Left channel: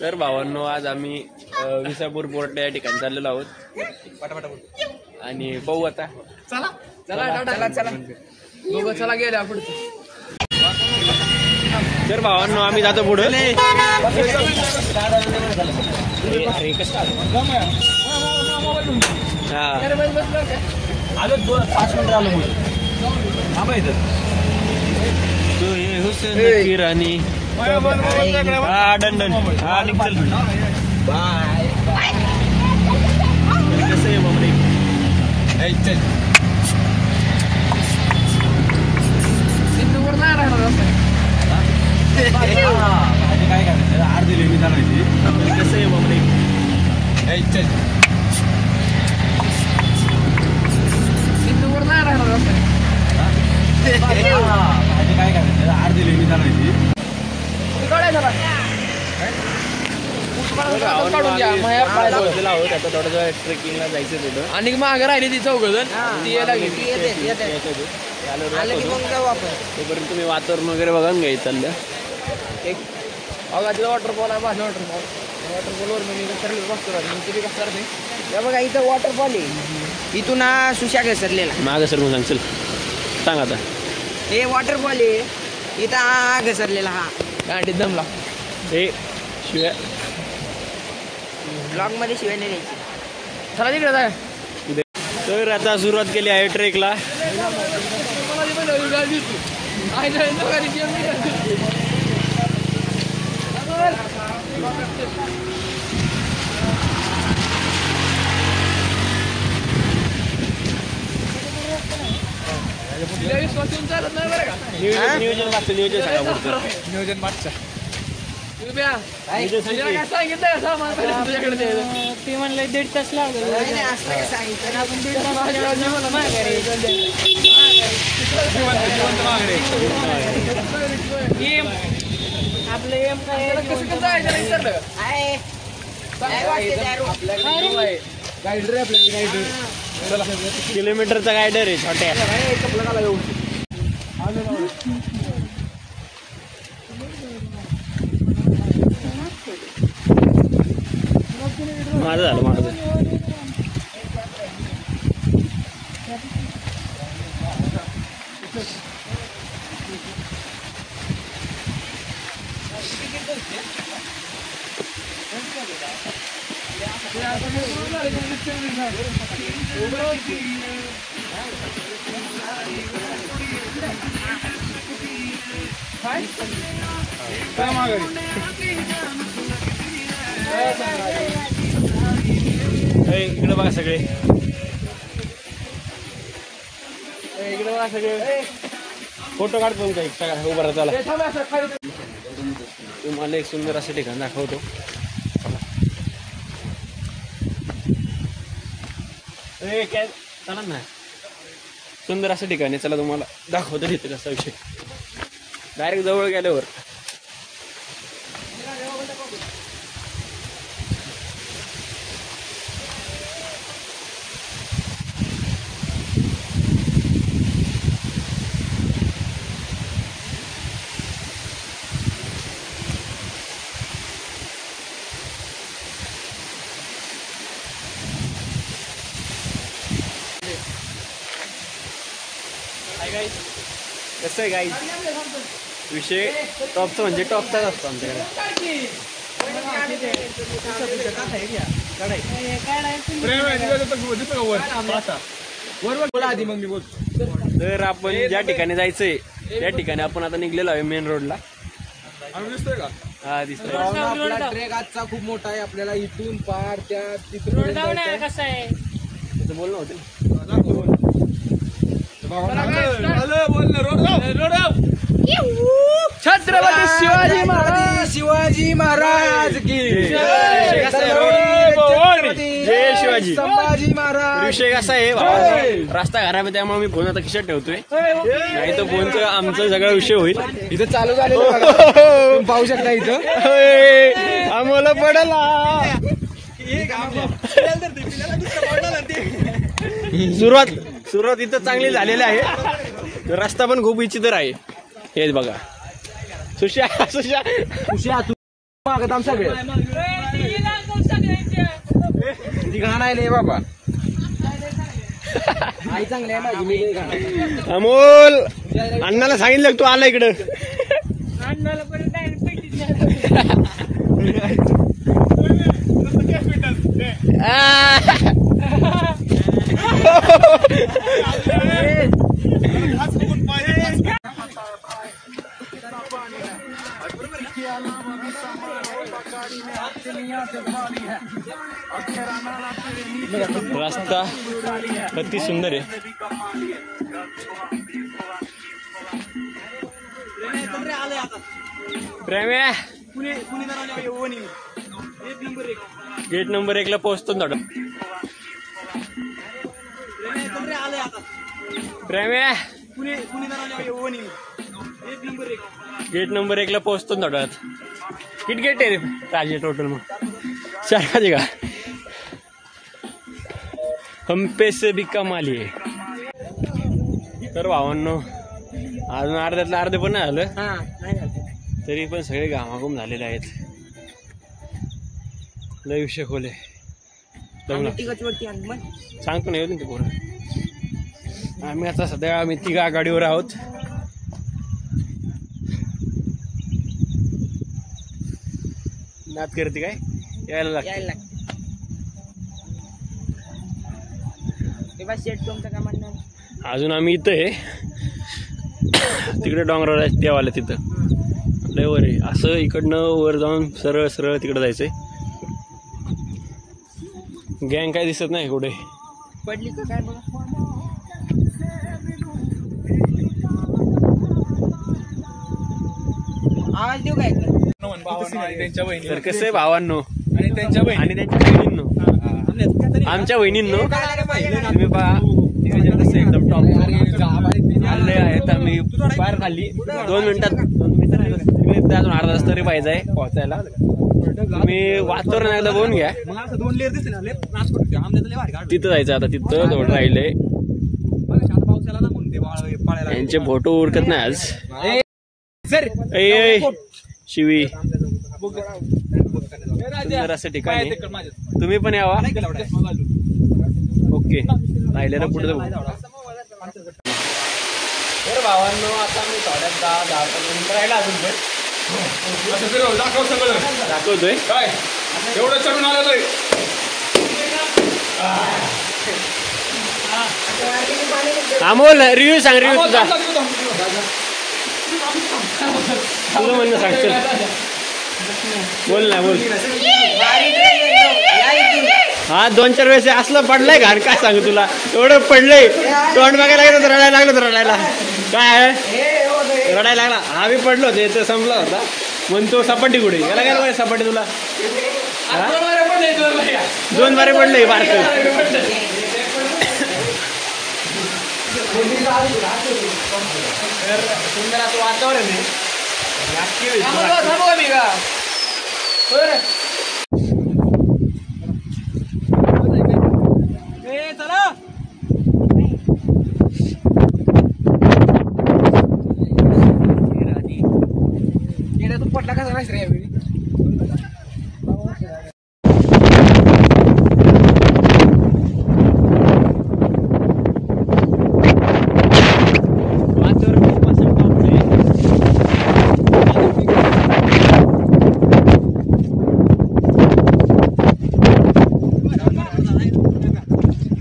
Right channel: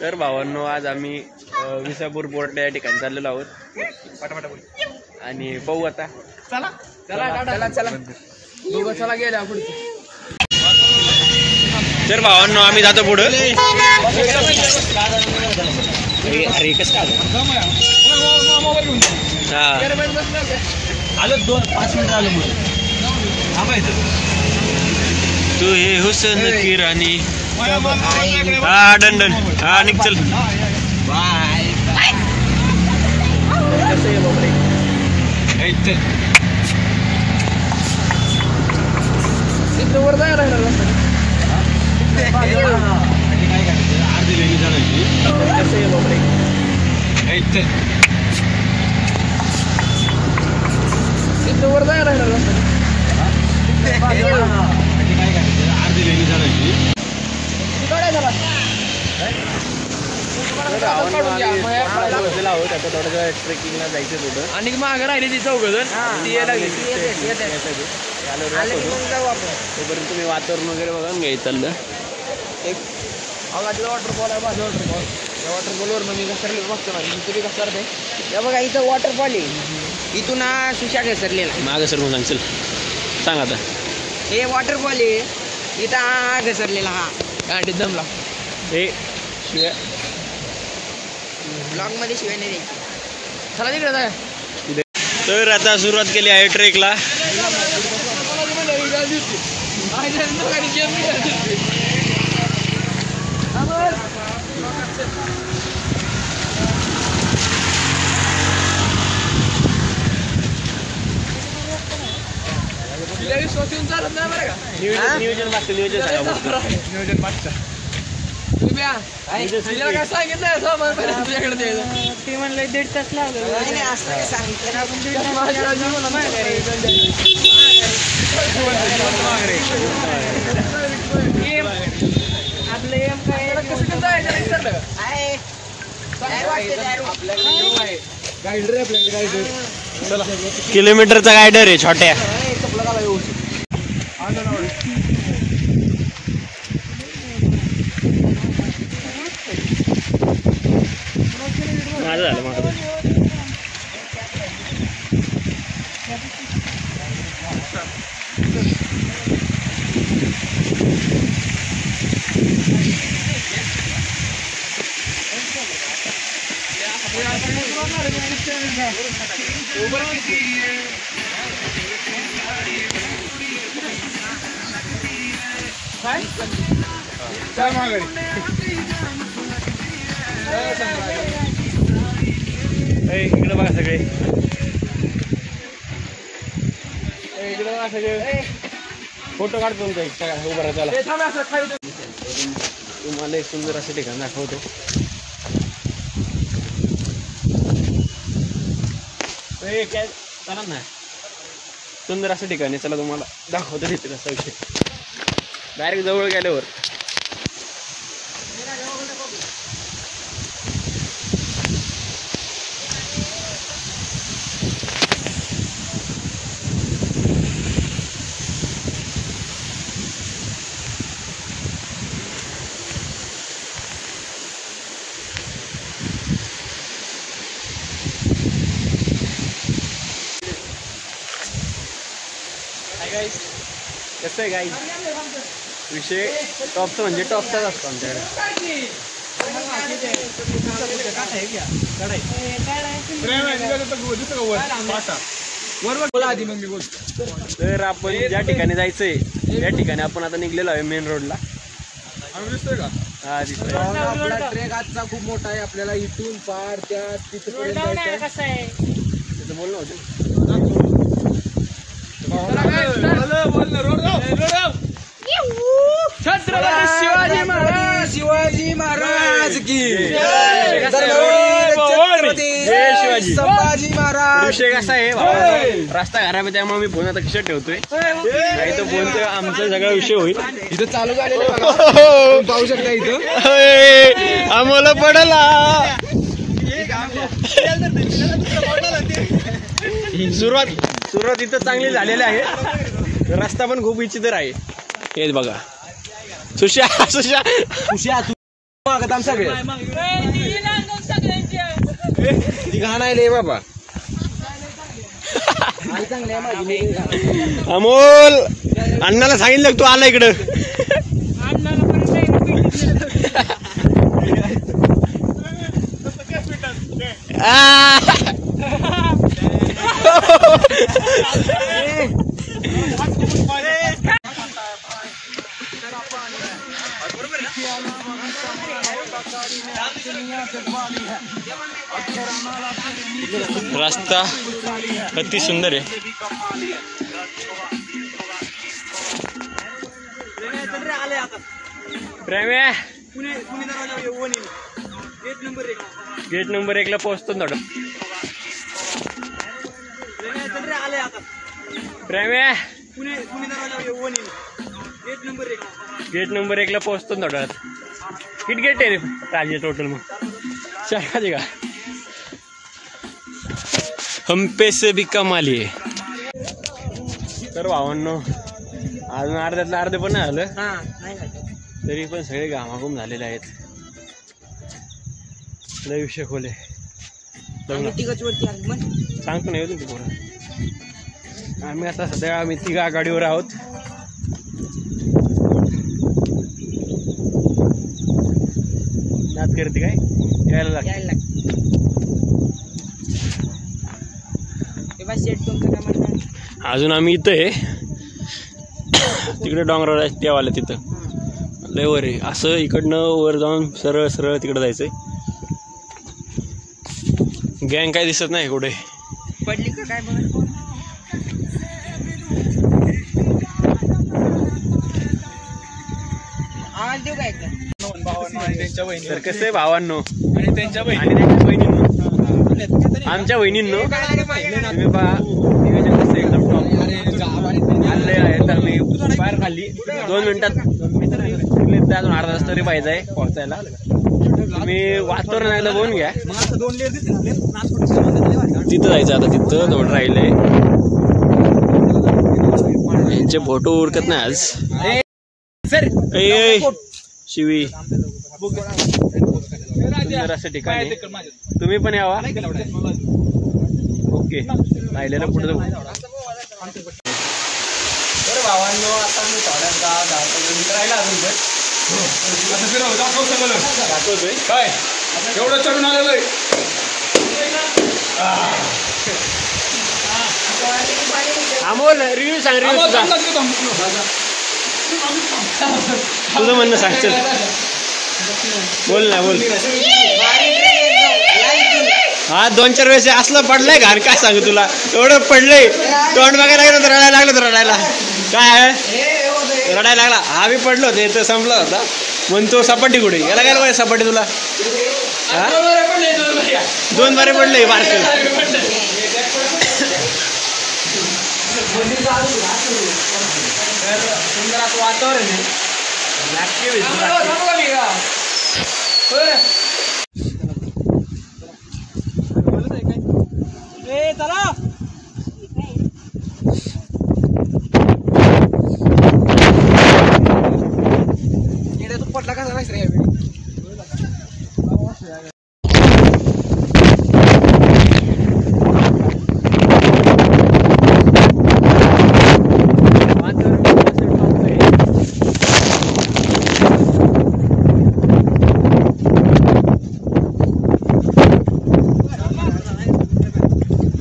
तर भावांनो, आज आम्ही विसापूर पोर्ट या ठिकाणी चाललेलो आहोत आणि पाहू आता. चला चला चला दोघं चला गेल्या पुढे. तर भावांनो, आम्ही जातो पुढं. आलो 5 मिनिट आलो तू हे हुसेन की राणी. हा डन हा निघ. बाय कसं आहे बाबा वर जाय राहणार काय करायचं अर्धी लेणी जाणायची. कसं आहे बाबा वर जाय राहणार काय करायचं अर्धी लेणी जाणायची. पोहोचलेला आहोत आता. थोडं ट्रेकिंगला जायचं पुढं आणि मागं राहिली ती चौघजण तोपर्यंत तुम्ही वातावरण वगैरे बघा नाही चाललं. एक वॉटरफॉल आहे माझा वॉटरफॉल मी घसरले बघा. इथं वॉटरफॉल आहे. इथून हा सुशा घसरलेला मागं सर मग सांग. सांग आता. हे वॉटरफॉल आहे. इथं हा घसरलेला हा गांडीत जमला. हे शिवाय ब्लॉग मध्ये शिवाय नाही द्यायची. चला तिकडे जाय. तर आता सुरुवात केली आहे ट्रेकला. नियोजन सांगा पुढचं. नियोजन मागचं ते म्हणलं 1.5 तास लागलं. आपलं एम काय किलोमीटरचा गायडर आहे छोट्या. माझं झालं माझं. इकडे बघा सगळे. इकडे बघा सगळे. फोटो काढतो तुमचा सगळा उभा राहा. तुम्हाला एक सुंदर असं ठिकाण दाखवतो. काय चालत नाही. सुंदर असं ठिकाण आहे. चला तुम्हाला दाखवतो तिथे असा विषय. डायरेक्ट जवळ गेल्यावर कसं आहे गाईज. विषय टॉपचा म्हणजे टॉपचाच असतो आमच्याकडे. तर आपण ज्या ठिकाणी जायचंय त्या ठिकाणी आपण आता निघलेलो आहे मेन रोडला. दिसतोय का? हा दिसतोय. आपला ट्रेक आजचा खूप मोठा आहे. आपल्याला इथून पार त्या तिथपर्यंत जायचंय. त्याचं बोलणं होतं. छत्रपती शिवाजी महाराज की संभाजी महाराज. विषय कसा आहे रस्ता खराब आहे त्यामुळे मी फोन आता खिशात ठेवतोय. नाही तर फोनचं आमचा सगळा विषय होईल. इथं चालू झालेलं पाहू शकता. इथं आम्हाला पडला. सुरुवात इथं चांगली झालेली आहे. रस्ता पण खूप विचित्र आहे. हेच बघा. सुशा सुशा उशिया तू मागत आम सगळे ती घाण आहे बाबा. आई चांगली आहे माझी. अमोल अण्णाला सांगितलं तू आला इकडं. रास्ता अति सुंदर आहे. प्रेम गेट नंबर 1 ला पोहोचतो ना. प्रेम गेट नंबर 1 ला पोहोचतो ना. किट गेट आहे रे राजे टोटल. मग शाळा का हम पैसे भी कमाली आहे. तर भावांनो अजून अर्ध्यातलं अर्धे पण नाही झालं तरी पण सगळे घामाघूम झालेले आहेत. लय विषय खोले सांगतो नाही होतं ते पुढं. आम्ही आता सध्या तिघा गाडीवर आहोत. नाद करते काय यायला लागते. अजून आम्ही इथं आहे तिकडे डोंगरावर आहे त्यावाला तिथं लय वर आहे. असं इकडनं वर जाऊन सरळ सरळ तिकडे जायचंय. गँग काय दिसत नाही कुठे पडली का काय. आवाज देऊ काय तर कसं आहे भावांनो आणि त्यांच्या बहिणींनो आमच्या बहिणींनो तुम्ही पहा नियोजन कसं एकदम टॉप आले आहेत. आम्ही बाहेर खाल्ली 2 मिनिटात अजून अर्धा तास तरी पाहिजे आहे पोहोचायला. तुम्ही वातावरण एकदा बघून घ्या. तिथं जायचं आता. तिथं थोडं राहिलंय. यांचे फोटो उरकत नाही आज. शिवी सुंदर असं ठिकाण आहे. तुम्ही पण यावा. ओके राहिलेलं पुढे बरं भावांनो. आता मी थोड्यात 10 मिनिटं राहिला अजून पण दाखवतोय काय एवढं चढून आलेलं आहे. अमोल रिव्ह्यू सांग. रिव्ह्यू तुझा तुझं म्हणणं सांग. चल बोल ना बोल. हा 2-4 वेळेस असलं पडलंय घाण काय सांगू तुला. एवढं पडलंय तोंड बघायला लागलं तर रडायला लागलं. तर रडायला काय रडायला लागला. हा बी पडलो होते तर संपला होता. म्हणतो सपाटी कुठे याला काय पाहिजे सपाटी तुला. हा 2 बारे पडले बारक. तर सुंदर असं वातावरण आहे. चला तू पटला का नाही रे यावेळी.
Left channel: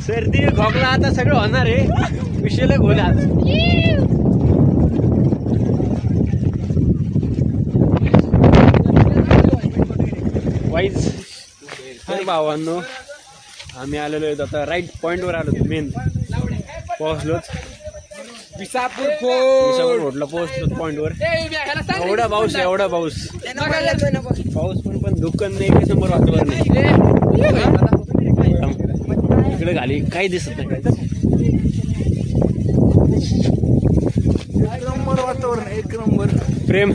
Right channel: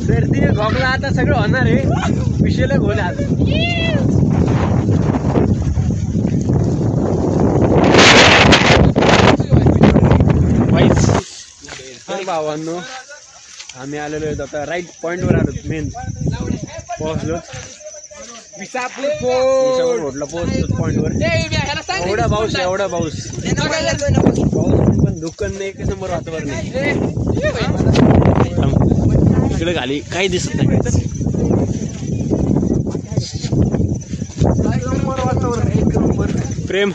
सर्दी खोकला आता सगळं होणार आहे. विषयला घोला वाईच. भावांनो आम्ही आलेलो आहेत आता राईट पॉइंट वर आलो. मेन पोहोचलो. विसापूर रोडला पोहोचतो पॉइंट वर. एवढा पाऊस एवढा पाऊस पण दुकान नाही. 1 नंबर वातावरण नाही. इकडे खाली काही दिसत नाही. वातावरण 1 नंबर. प्रेम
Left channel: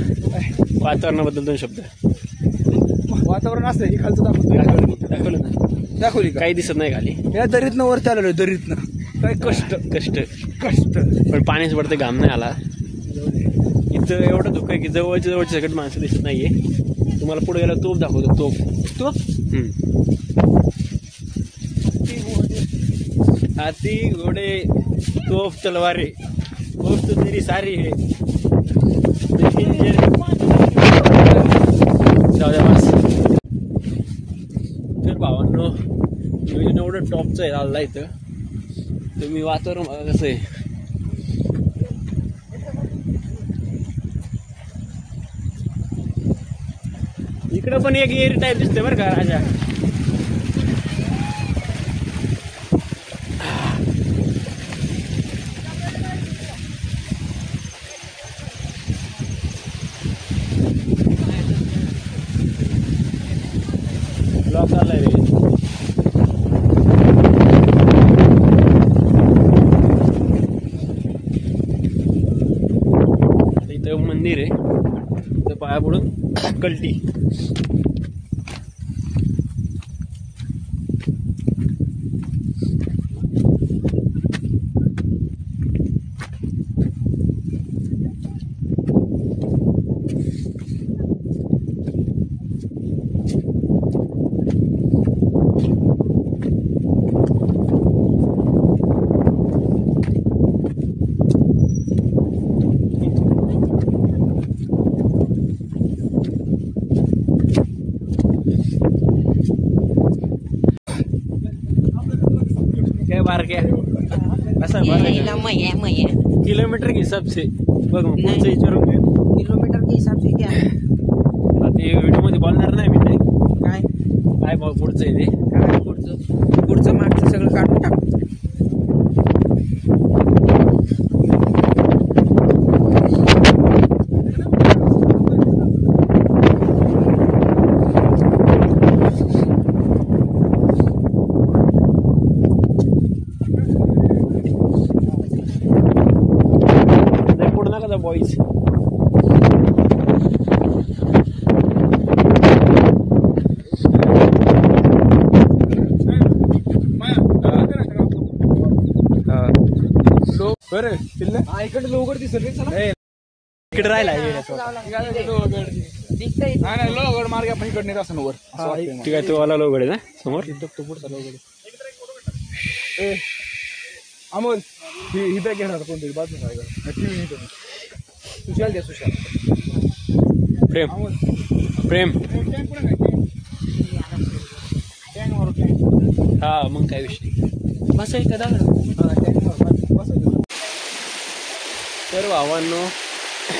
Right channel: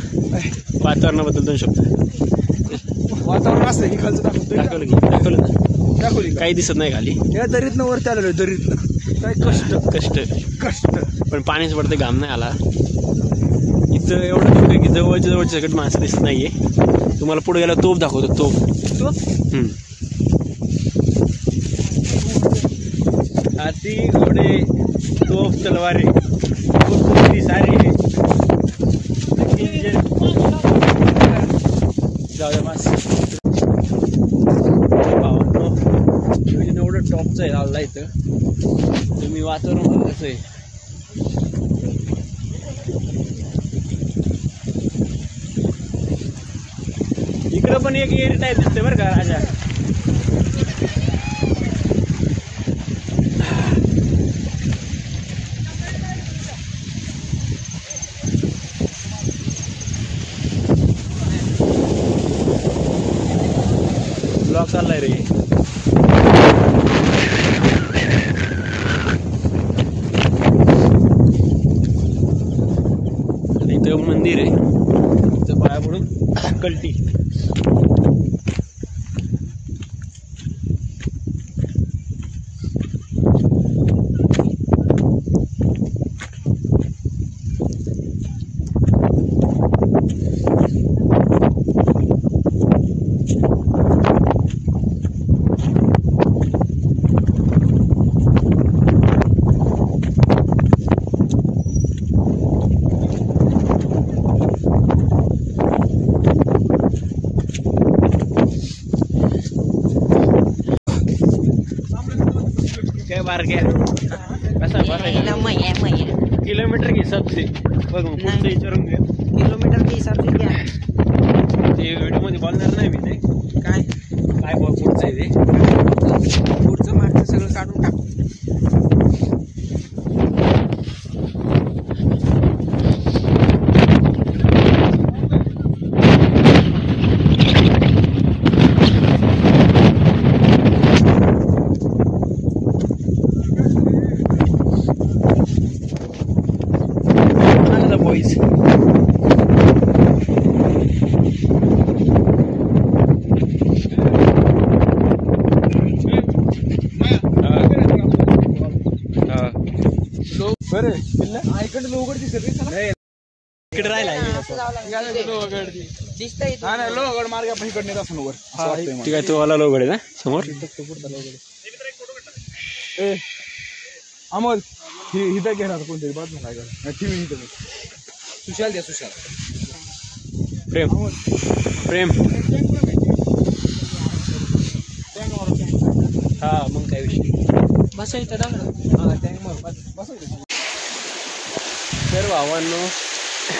वातावरणाबद्दल 2 शब्द. वातावरण असं इकडचं दाखवली काही दिसत नाही खाली. या दरीतनं वर चाललो. दरीतनं काय कष्ट कष्ट कष्ट पण पाणीच पडते. घाम नाही आला. इथं एवढं दुःख आहे की जवळच्या सगळ्यात माणसं दिसत नाहीये. तुम्हाला पुढे गेला तोफ दाखवतो. तोफ हाती घोडे तोफ तलवारे तोफ सारी आहे. भावांनो नियोजन एवढं टॉपचं आहे आला इथं. तुम्ही वातावरण कसं आहे. इकडं पण एक एअर टायर दिसतंय बरं का राजा. ब्लॉक चाललाय रे. इथं मंदिर आहे. इथं पाया पडून कल्टी. ऐसा किलोमीटर के हिसाब से बघ पुढचं विचारून घे. किलोमीटर के हिसाब से क्या ते व्हिडिओ मध्ये बोलणार नाही मी. ते काय काय पुढचं आहे ते पुढचं मागचं सगळं काढून टाक. बॉईज बरं इकडे लोगड दिसत इकडे राहिला. लोगड मार्ग आपण इकडे नेत असं वर. ठीक आहे. तो आला लोगड आहे ना समोर. अमोल इथं घेणार कोणतरी बात नाही. काय टीव्ही इथं सुशाल द्या. सुशाल प्रेम प्रेम हा मग काय विषय बस इथं सर्व आव्हानो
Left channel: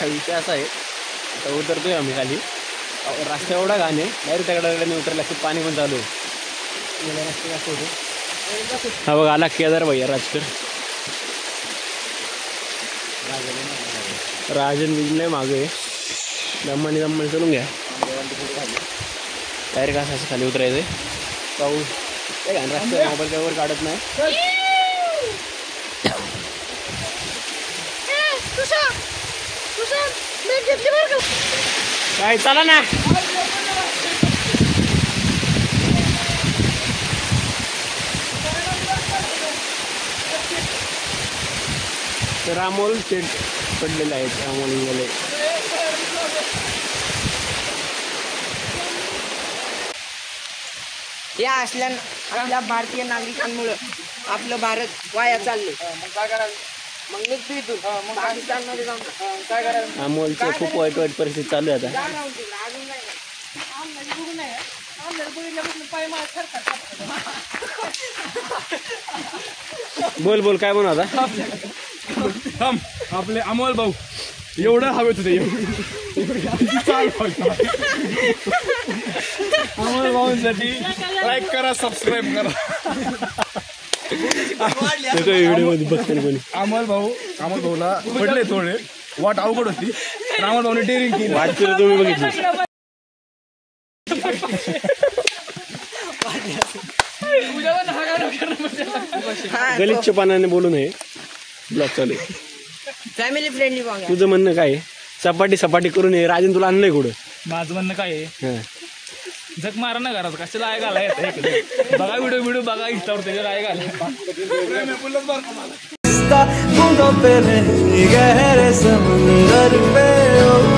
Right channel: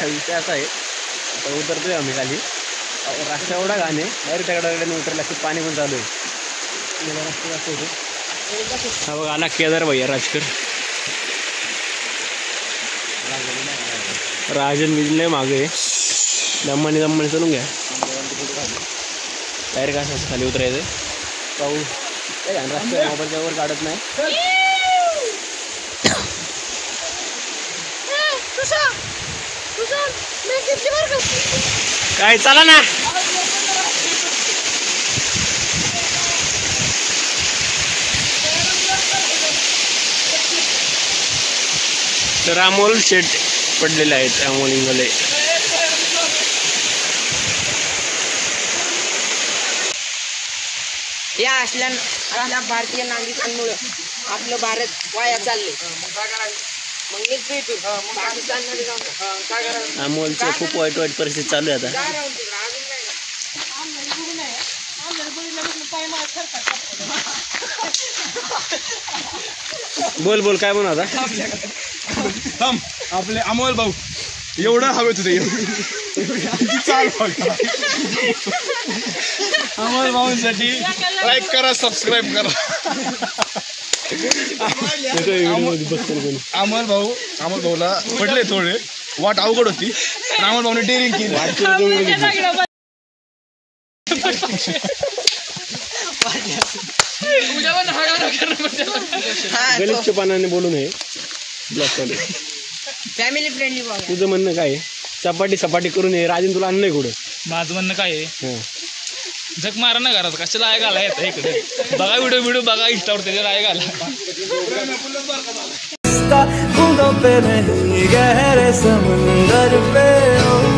विषय असा आहे. आता उतरतोय आम्ही खाली. रस्ता एवढा घाण आहे. डायरेक्ट त्याकडे उतरला की पाणी पण चालू आहे. रस्ता दाखवतो. हा बघ आला केदार भैया राजकर. राजन विजले मागे दम्माने चलून घ्या. डायरेक्ट असं खाली उतरायचं. पाहू काय घाण रस्ता. मोबाईल काय वर काढत नाही. काय चला ना. तर अमोल शेट पडलेले आहेत. अमोल इंगले या असल्या भारतीय नागरिकांमुळे आपलं भारत वाया चालले. मग काय करायचं. मग निघतो इथून पाकिस्तानमध्ये जाऊन काय करायचं. अमोलचं खूप वाईट परिस्थिती चालू आहे आता. अजून नाही बोल बोल काय म्हणू आता. आपले अमोल भाऊ एवढं हवेत होते. चाल अमोल भाऊंसाठी लाईक करा, सबस्क्राईब करा. अमोल भाऊला पडले थोडे. वाट अवघड होती पण अमोल भाऊने डेअरिंग केली. गलिच्छ पानाने बोलू नये. ब्लॉक चालू. Family friendly. तुझं म्हणणं काय आहे. सपाटी करून ये. राजन तुला आणलंय कुठं. माझं म्हणणं काय आहे. झक मारा ना घरात. कशाला आय घाला येतं इकडे. बघा व्हिडिओ बघा इंस्टावर त्याच्यावर आय घाला. का, बूंदों पे नहीं गहरे समंदर पे। ओ